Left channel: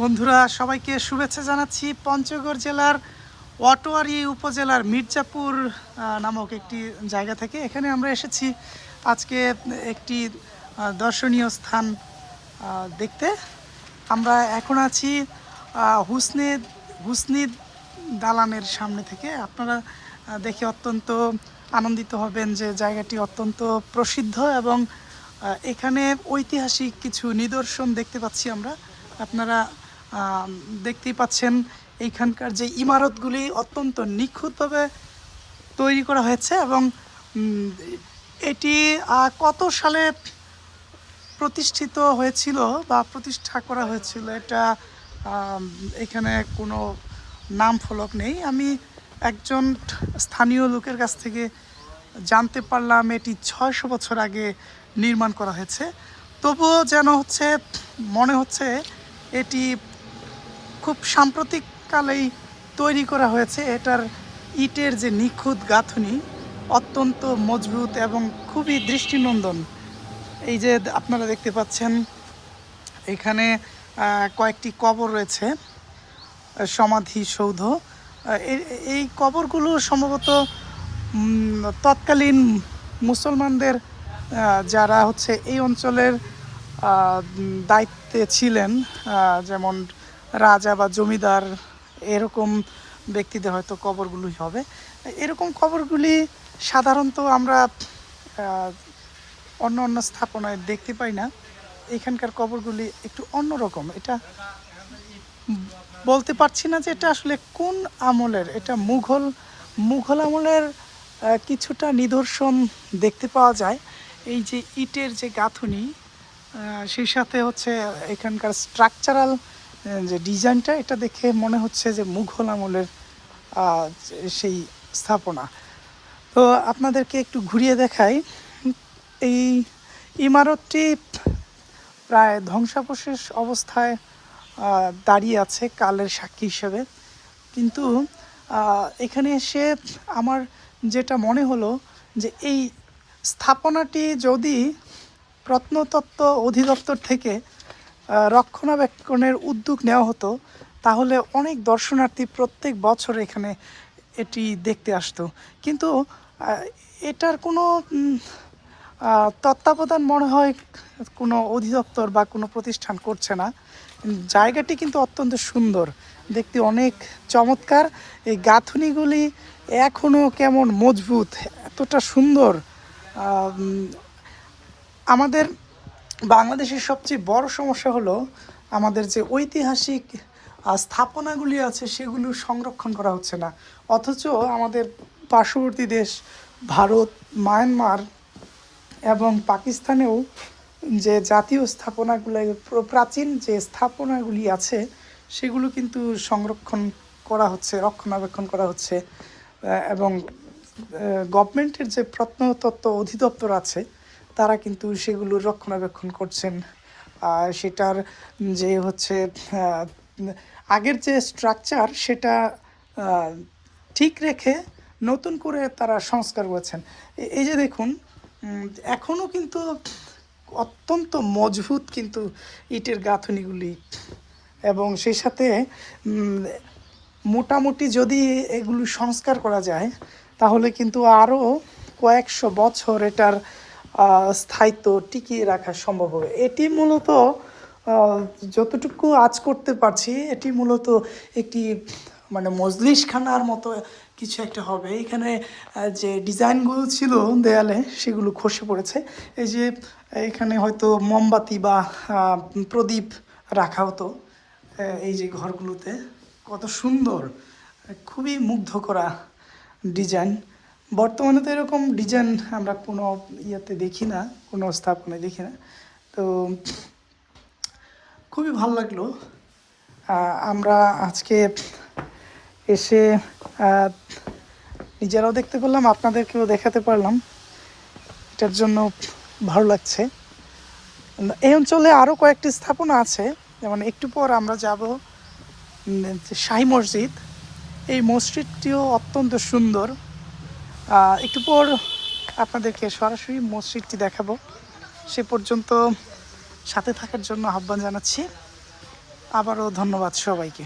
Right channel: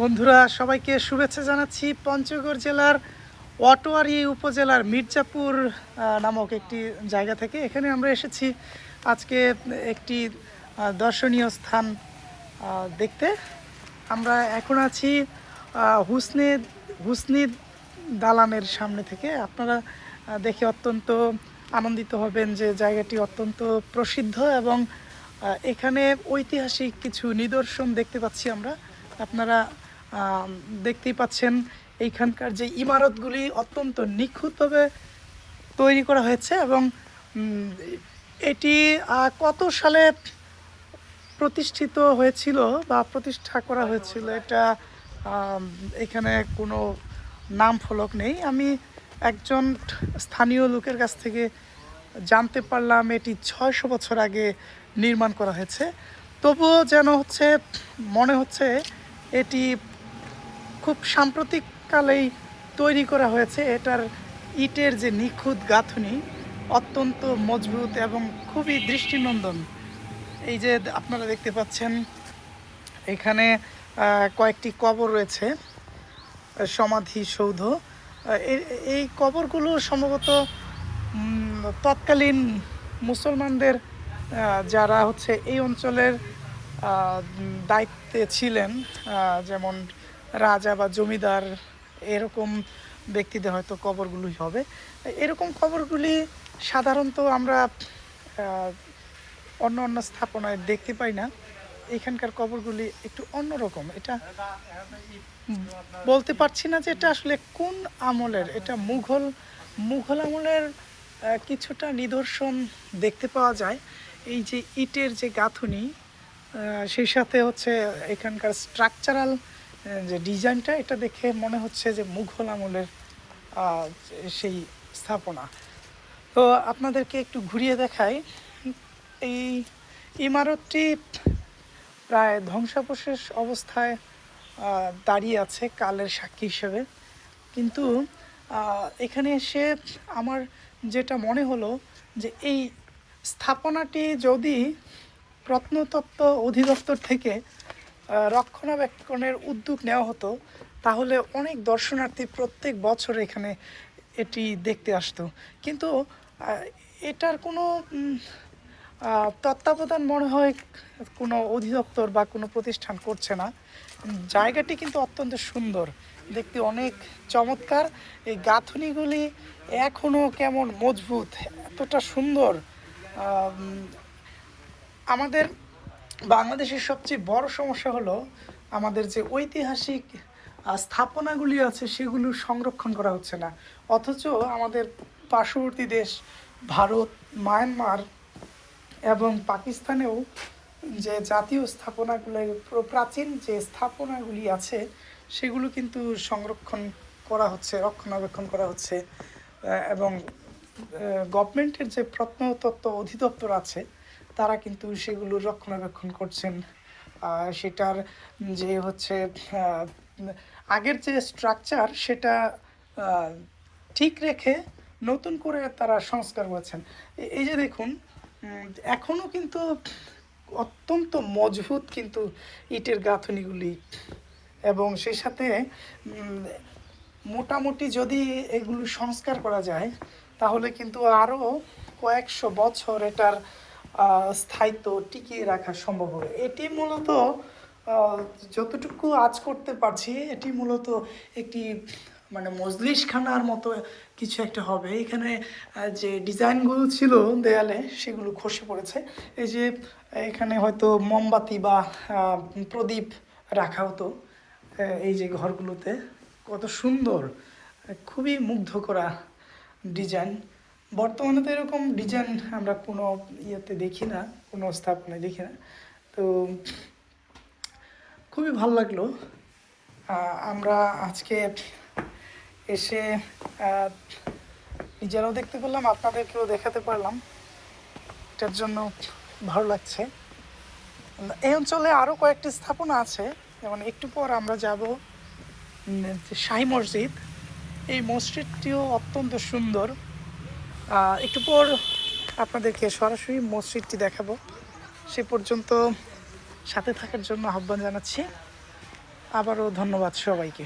বন্ধুরা, সবাইকে শুভেচ্ছা জানাচ্ছি। পঞ্চগড় জেলার অটোয়ারি উপজেলার মির্জাপুর নামক একটি জায়গা থেকে। এখানে আমরা এসেছি আজকে একটি দর্শনীয় স্থান দেখতে। আমরা এখন আছি হুসনে, হুসনি দালানের সামনে থেকে। আপনারা দেখে অত্যন্ত আনন্দিত হবেন যে জায়গাটি অত্যন্ত প্রসিদ্ধ এবং এখানে ঐতিহাসিক কিছু নিদর্শন দেখতে পাচ্ছি আমরা। আপনারা দেখতেই পাচ্ছেন এইখানকার যে ইমারতগুলি অত্যন্ত নিখুঁতভাবে তৈরি করা হয়েছে এবং এটি কত সালে প্রতিষ্ঠিত হয়েছিল বা প্রতিষ্ঠা করা হয়েছিল এটা এখানে কোনো নাম ফলক নেই। আমি একজন স্থানীয় লোকের কাছ থেকে জানতে পারলাম এটি ছয়শো বছর আগে নির্মাণ করা হয়েছে। তবুও যেন হচ্ছে, মনে হচ্ছে এটি খুব সাম্প্রতিককালেই তৈরি করা হয়েছে। এটার ইটের যে নিখুঁত গাঁথনি অত্যন্ত মজবুত এবং খুবই দৃষ্টিনন্দন। এই যে আপনারা দেখতে পাচ্ছেন, এখানে কয়েকটি কবর রয়েছে, সমাধি সৌধ। এই কবরগুলো সম্ভবত তৎকালীন মুসলমানদের যারা হচ্ছে এই অঞ্চলের দায়িত্বে ছিলেন যেমন রাজা বা জমিদার এরকম ব্যক্তিদের হয়তো কবরগুলোই হবে। এরকম কবরগুলি সাধারণত আমরা অন্য অন্য স্থাপনায় দেখতে পাই না। এখানকার কবরগুলি একটু অন্যরকম। এটা বলতে পারছি না যে এটা আসলে কোন আমলের, এটা মুঘল মুঘল আমলের কিছুটা নিদর্শন দেখতে পাওয়া যায়। এই যে ইটের যে গাঁথুনি সেই সাথে হচ্ছে এখানকার স্ট্রাকচারাল যে ডিজাইনটা, এটা দেখে মনে হচ্ছে যে মুঘল আমলের সেই স্থাপনা। তো আপনাদেরকে একটু ঘুরিয়ে দেখাই। এই ইমারতটি প্রায় ধ্বংসাবশেষ অবস্থায় দাঁড়িয়ে আছে কালের সাক্ষী হিসেবে। কিন্তু এখানে এসে আমার যেটা মনে হলো যে এই স্থাপনাটি যদি প্রত্নতত্ত্ব অধিদপ্তর থেকে রক্ষণাবেক্ষণের উদ্যোগ নেওয়া হতো, তাহলে অনেক দর্শনার্থী প্রত্যেক বছর এখানে এটি দেখতে আসতো। কিন্তু এটার কোনো তত্ত্বাবধান মনে হয় কোনো অধিদপ্তর বা কোনো প্রতিষ্ঠান করছে না। জায়গাটি কিন্তু অত্যন্ত সুন্দর, দেখতে অনেক চমৎকার। এই গাঁথনিগুলি এখনও কেমন মজবুত, এতটা সুন্দর আমাদের বাংলাদেশের সবচেয়ে বড় সমস্যা হলো আমাদের যে ঐতিহাসিক স্থাপনাগুলি আছে সেগুলো সংরক্ষণ করা হচ্ছে না। অথচ আমাদের পার্শ্ববর্তী দেশ ভারত, মায়ানমার এবং পাকিস্তানেও যে জাতীয় স্থাপনাগুলো প্রাচীন যে স্থাপনাগুলি আছে সেগুলো কিন্তু সংরক্ষণ করা হচ্ছে, রক্ষণাবেক্ষণ করা হচ্ছে। এবং গভর্নমেন্টের যে প্রত্নতত্ত্ব অধিদপ্তর আছে তারা কিন্তু সেগুলো রক্ষণাবেক্ষণ করছেন। আর সেটার যে হচ্ছে আগের যে স্ট্রাকচার সেটা ঠিক রেখে নতুন করে তারা সংস্কার করেছেন। এই যে দেখুন এখনও কিন্তু অত্যন্ত মজবুত কিন্তু ইটের গাঁথনিগুলি। এবং সেই সাথে মোটামুটি যদি এগুলো সংস্কার করা যায়, তাহলে কিন্তু আরও কয়েকশো বছর এটার স্থায়িত্ব টিকিয়ে রাখা সম্ভব হবে। এটি মূলত যতটুকু আজ করতে পারছি, এটি মূলত একটি মানে মজলিসখানার মতো কিছু একটা হবে। এখানে যে ডিজাইনগুলো ছিল দেয়ালে, সেগুলো খসে পড়েছে। এই যে, এখানে হয়তো মোমবাতি বা প্রদীপ রাখা হতো এই যে ঘরগুলোতে। কত সুন্দর, খুবই মুগ্ধ করা ডিজাইন। বর্তমানে তো এরকম ডিজাইন আমরা কোনো ইয়েতে দেখি না, কোনো স্থাপনায় দেখি না। তো খুবই ভালো লাগল। আমরা আজকে এসে নিজেরাও দেখতে পেলাম, আপনাদেরকেও দেখাতে পারলাম। এটার জন্য ভালো লাগছে। এই অঞ্চলে আরও কয়েকটি স্থাপনা আছে, যেমন একটু পর আমরা যাব শাহী মসজিদ। এই মসজিদটিও অত্যন্ত সুন্দর। একটু পর আপনাদেরকে সরাসরি মসজিদটি দেখাবো। সে পর্যন্ত সাথে থাকার জন্য আহ্বান জানাচ্ছি। আবারও ধন্যবাদ সবাইকে।